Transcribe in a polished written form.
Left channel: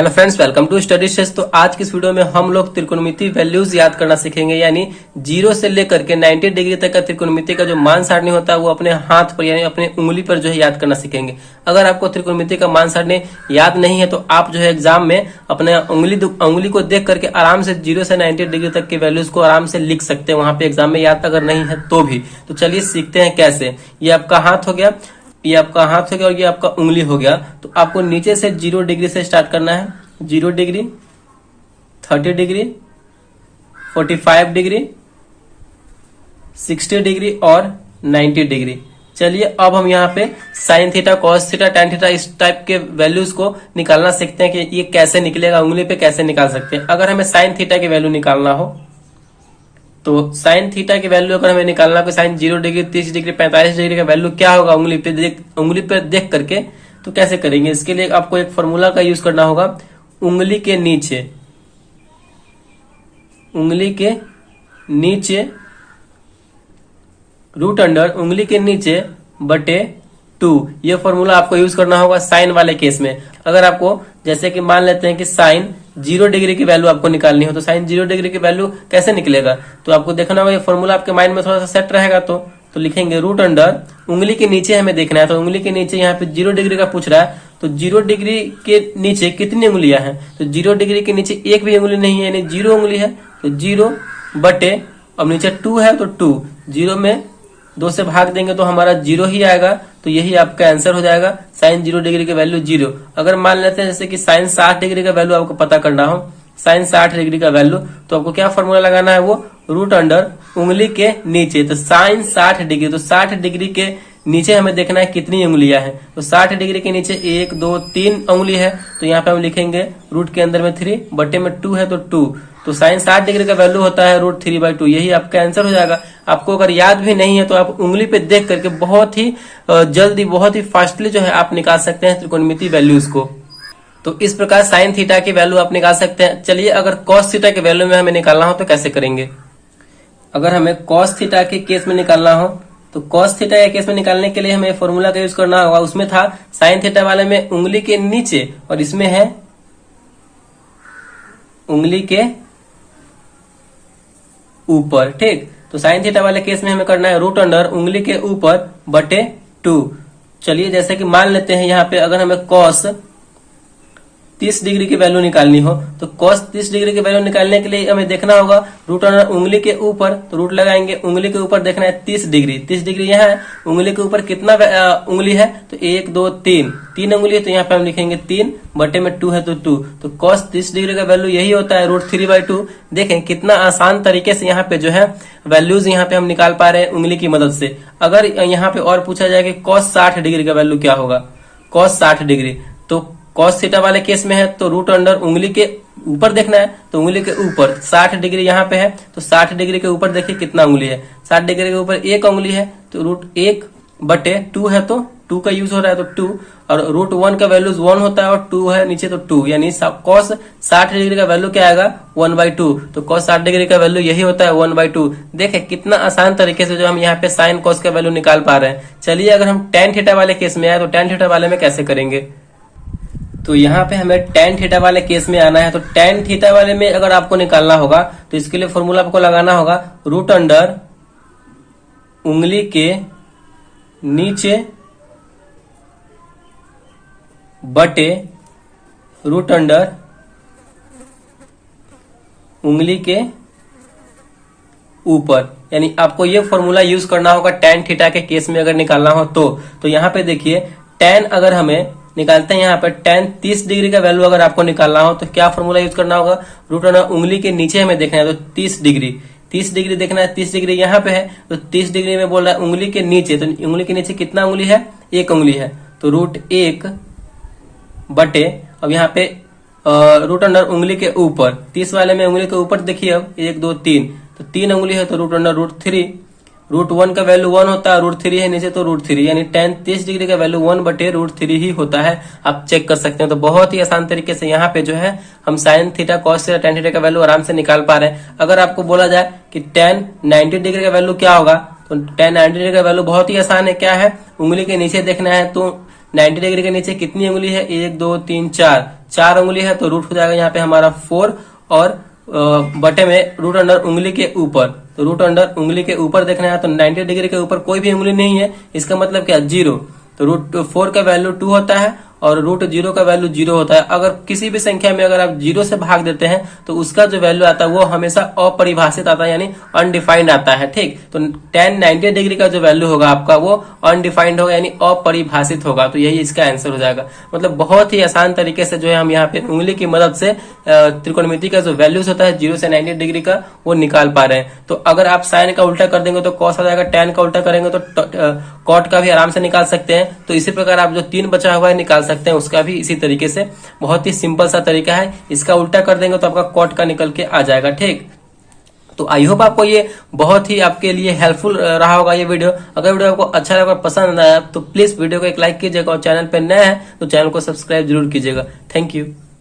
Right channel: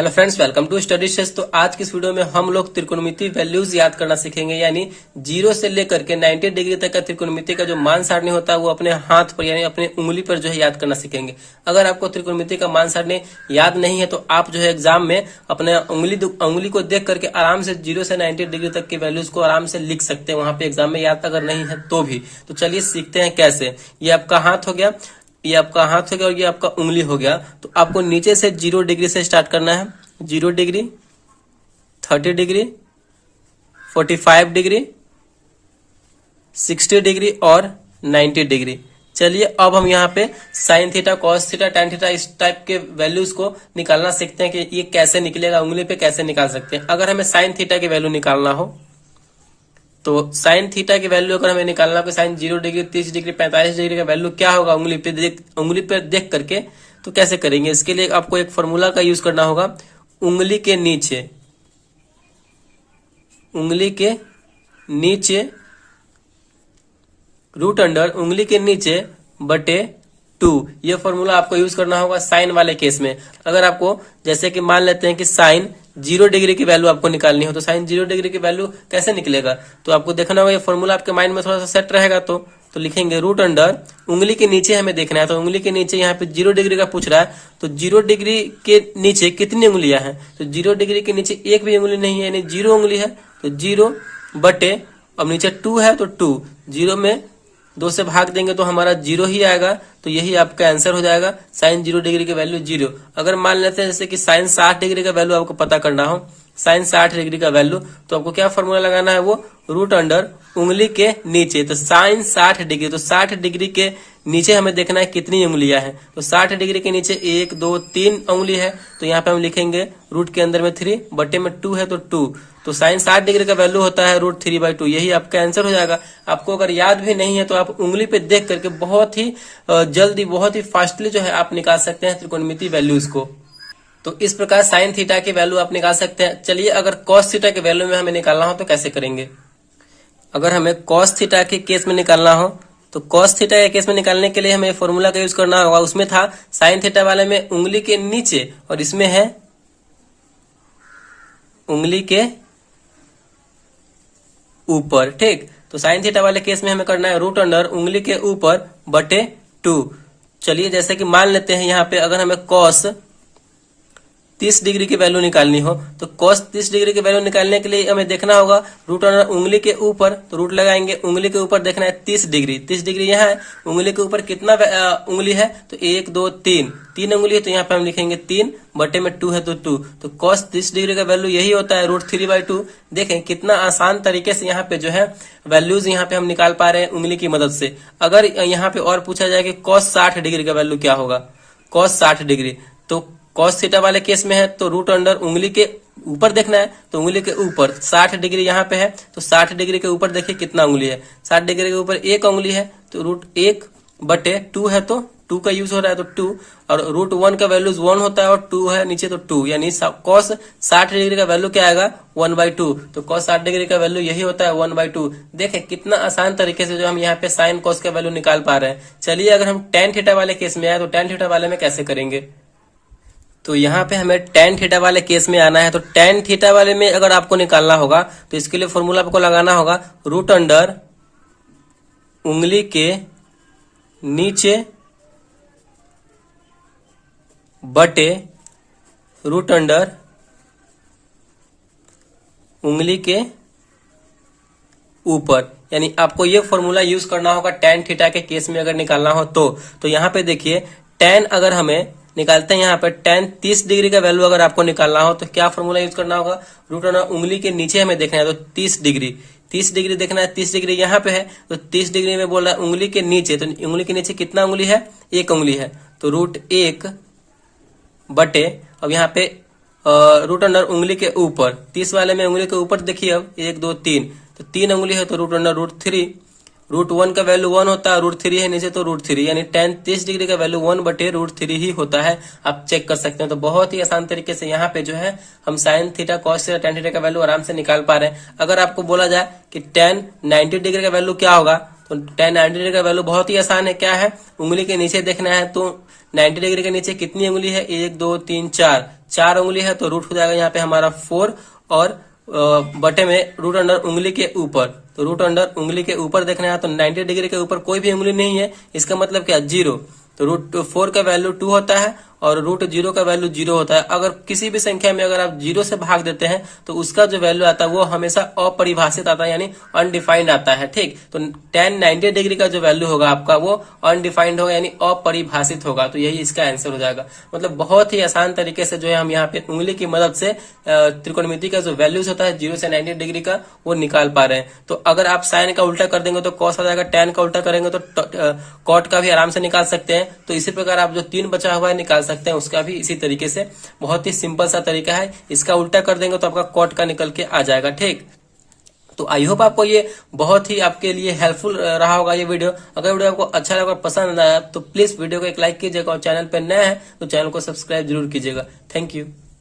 Hello friends, welcome to study stage. तो आज की इस वीडियो में हम लोग त्रिकोणमिति वैल्यूज याद करना सीखेंगे, यानी 0 से लेकर के 90 डिग्री तक का त्रिकोणमिति का जो मान सारणी होता है वो अपने हाथ पर यानी अपने उंगली पर जो है याद करना सीखेंगे। अगर आपको त्रिकोणमिति का मान सारणी याद नहीं है तो आप जो है एग्जाम में अपने उंगली को देख करके आराम से 0 से 90 डिग्री तक के वैल्यूज को आराम से लिख सकते हैं वहां पे एग्जाम में, याद अगर नहीं है तो भी। तो चलिए सीखते हैं कैसे। ये आपका हाथ हो गया, ये आपका हाथ हो गया और ये आपका उंगली हो गया। तो आपको नीचे से 0 डिग्री से स्टार्ट करना है। 0 डिग्री, 30 डिग्री, 45 डिग्री, 60 डिग्री और 90 डिग्री। चलिए अब हम यहाँ पे sine theta, cos theta, tan theta इस टाइप के वैल्यूज को निकालना सीखते हैं कि ये कैसे निकलेगा, उंगली पे कैसे निकाल सकते हैं। अगर हमें साइन थीटा की वैल्यू निकालना हो तो साइन थीटा की वैल्यू अगर हमें निकालना हो, साइन 0 डिग्री, 30 डिग्री, 45 डिग्री का वैल्यू क्या होगा उंगली पे देख करके, तो कैसे करेंगे। इसके लिए आपको एक फॉर्मूला का यूज करना होगा। उंगली के नीचे रूट अंडर उंगली के नीचे बटे 2, ये फॉर्मूला आपको यूज करना होगा साइन वाले केस में। अगर आपको जैसे कि मान लेते हैं कि साइन 0 डिग्री की वैल्यू आपको निकालनी हो तो साइन 0 डिग्री की वैल्यू कैसे निकलेगा, तो आपको देखना होगा ये फॉर्मूला आपके माइंड में थोड़ा सा सेट रहेगा। तो लिखेंगे रूट अंडर उंगली के नीचे हमें देखना है, तो उंगली के नीचे यहाँ पे 0 डिग्री का पूछ रहा है, तो 0 डिग्री के नीचे कितनी उंगलियां हैं, तो 0 डिग्री के नीचे एक भी उंगली नहीं है, यानी 0 उंगली है। तो 0 बटे, अब नीचे 2 है तो 2, 0 में 2 से भाग देंगे तो हमारा 0 ही आएगा। तो यही आपका आंसर हो जाएगा, साइन 0 डिग्री की वैल्यू 0। अगर मान लेते हैं जैसे कि साइन 60 डिग्री का वैल्यू आपको पता करना हो, साइन 60 डिग्री का वैल्यू, तो आपको क्या फॉर्मूला लगाना है, वो रूट अंडर उंगली के नीचे। तो साइन 60 डिग्री, तो 60 डिग्री के नीचे हमें देखना है कितनी उंगलियां हैं, तो 60 डिग्री के नीचे 1 2 3 उंगली है। तो यहाँ पे हम लिखेंगे रूट के अंदर में 3, बटे में 2 है तो 2। तो साइन 60 डिग्री का वैल्यू होता है रूट 3/2, यही आपका आंसर हो जाएगा। आपको अगर याद भी नहीं है तो आप उंगली पे देख करके बहुत ही जल्दी, बहुत ही फास्टली जो है आप निकाल सकते हैं त्रिकोणमिति वैल्यूज को। तो इस प्रकार साइन थीटा की वैल्यू आप निकाल सकते हैं। चलिए अगर कॉस थीटा की वैल्यू में हमें निकालना हो तो कैसे करेंगे। अगर हमें कॉस थीटा के केस में निकालना हो तो कॉस थीटा के केस में निकालने के लिए हमें फॉर्मूला का यूज करना होगा। उसमें था साइन थीटा वाले में उंगली के नीचे और इसमें है उंगली के ऊपर, ठीक। तो साइन थीटा वाले केस में हमें करना है रूट अंडर उंगली के ऊपर बटे 2। चलिए जैसे कि मान लेते हैं यहाँ पे अगर हमें कॉस 30 डिग्री की वैल्यू निकालनी हो तो कॉस 30 डिग्री की वैल्यू निकालने के लिए हमें देखना होगा रूट अंडर उंगली के ऊपर, तो रूट लगाएंगे, उंगली के ऊपर देखना है 30 डिग्री। 30 डिग्री यहाँ है, उंगली के ऊपर कितना उंगली है, तो 1 2 3 उंगली है, तो यहाँ पे हम लिखेंगे 3 बटे में 2 है तो 2। तो कॉस 30 डिग्री का वैल्यू यही होता है रूट 3/2। देखें कितना आसान तरीके से यहाँ पे जो है वैल्यूज यहाँ पे हम निकाल पा रहे हैं उंगली की मदद से। अगर यहाँ पे और पूछा जाए कि कॉस 60 डिग्री का वैल्यू क्या होगा, कॉस 60 डिग्री, तो कॉस थीटा वाले केस में है तो रूट अंडर उंगली के ऊपर देखना है, तो उंगली के ऊपर 60 डिग्री यहाँ पे है, तो 60 डिग्री के ऊपर देखिए कितना उंगली है, 60 डिग्री के ऊपर 1 उंगली है, तो रूट 1 बटे 2 है तो 2 का यूज हो रहा है तो 2, और रूट 1 का वैल्यू 1 होता है और 2 है नीचे तो 2, यानी कॉस 60 डिग्री का वैल्यू क्या आएगा 1/2। तो कॉस 60 डिग्री का वैल्यू यही होता है 1/2। देखें कितना आसान तरीके से जो हम यहाँ पे साइन कॉस का वैल्यू निकाल पा रहे हैं। चलिए अगर हम टैन थीटा वाले केस में आए तो टैन थीटा वाले में कैसे करेंगे। तो यहाँ पे हमें टैन थीटा वाले केस में आना है। तो टैन थीटा वाले में अगर आपको निकालना होगा तो इसके लिए फॉर्मूला आपको लगाना होगा रूट अंडर उंगली के नीचे बटे रूट अंडर उंगली के ऊपर, यानी आपको ये फॉर्मूला यूज करना होगा टैन थीटा के केस में अगर निकालना हो तो यहाँ पे देखिए टैन अगर हमें निकालते हैं यहाँ पर टैन 30 डिग्री का वैल्यू अगर आपको निकालना हो तो क्या फॉर्मूला यूज करना होगा, रूट अंडर उंगली के नीचे हमें देखना है तो 30 डिग्री देखना है। 30 डिग्री यहाँ पे है तो 30 डिग्री में बोल रहा है उंगली के नीचे, तो उंगली के नीचे कितना उंगली है, 1 उंगली है, तो रूट 1 बटे, अब यहाँ पे रूट अंडर उंगली के ऊपर 30 वाले में उंगली के ऊपर देखिए अब 1 2 3, तो 3 उंगली है तो रूट अंडर रूट 3, रूट 1 का वैल्यू 1 होता है, रूट 3 है नीचे तो रूट 3, यानी टैन 30 डिग्री का वैल्यू 1 बटे रूट 3 ही होता है। आप चेक कर सकते हैं। तो बहुत ही आसान तरीके से यहाँ पे जो है हम sine theta, cos theta, tan theta का वैल्यू आराम से निकाल पा रहे हैं। अगर आपको बोला जाए कि टैन 90 डिग्री का वैल्यू क्या होगा, तो टैन 90 डिग्री का वैल्यू बहुत ही आसान है, क्या है, उंगली के नीचे देखना है तो 90 डिग्री के नीचे कितनी उंगली है, 1 2 3 4 उंगली है, तो रूट हो जाएगा यहाँ पे हमारा 4 और बटे में रूट अंडर उंगली के ऊपर, तो रूट अंडर उंगली के ऊपर देखना है तो 90 डिग्री के ऊपर कोई भी उंगली नहीं है, इसका मतलब क्या, 0। तो रूट 4 का वैल्यू 2 होता है और रूट 0 का वैल्यू 0 होता है। अगर किसी भी संख्या में अगर आप 0 से भाग देते हैं तो उसका जो वैल्यू आता है वो हमेशा अपरिभाषित आता है, यानी अनडिफाइंड आता है। ठीक, तो tan 90 डिग्री का जो वैल्यू होगा आपका वो अनडिफाइंड होगा, यानी अपरिभाषित होगा। तो यही इसका आंसर हो जाएगा। मतलब बहुत ही आसान तरीके से जो है हम यहाँ पे उंगली की मदद से त्रिकोणमिति का जो वैल्यूज होता है 0 से 90 डिग्री का वो निकाल पा रहे हैं। तो अगर आप साइन का उल्टा कर देंगे तो कॉस आ जाएगा, tan का उल्टा करेंगे तो कॉट का भी आराम से निकाल सकते हैं। तो इसी प्रकार आप जो 3 बचा हुआ है निकाल सकते हैं, उसका भी इसी तरीके से। बहुत ही सिंपल सा तरीका है, इसका उल्टा कर देंगे तो आपका कॉट का निकल के आ जाएगा। ठीक, तो आई होप आपको ये बहुत ही आपके लिए हेल्पफुल रहा होगा ये वीडियो। अगर वीडियो आपको अच्छा लगा, पसंद आया तो प्लीज वीडियो को एक लाइक कीजिएगा और चैनल पर नया है तो चैनल को सब्सक्राइब जरूर कीजिएगा। Thank you.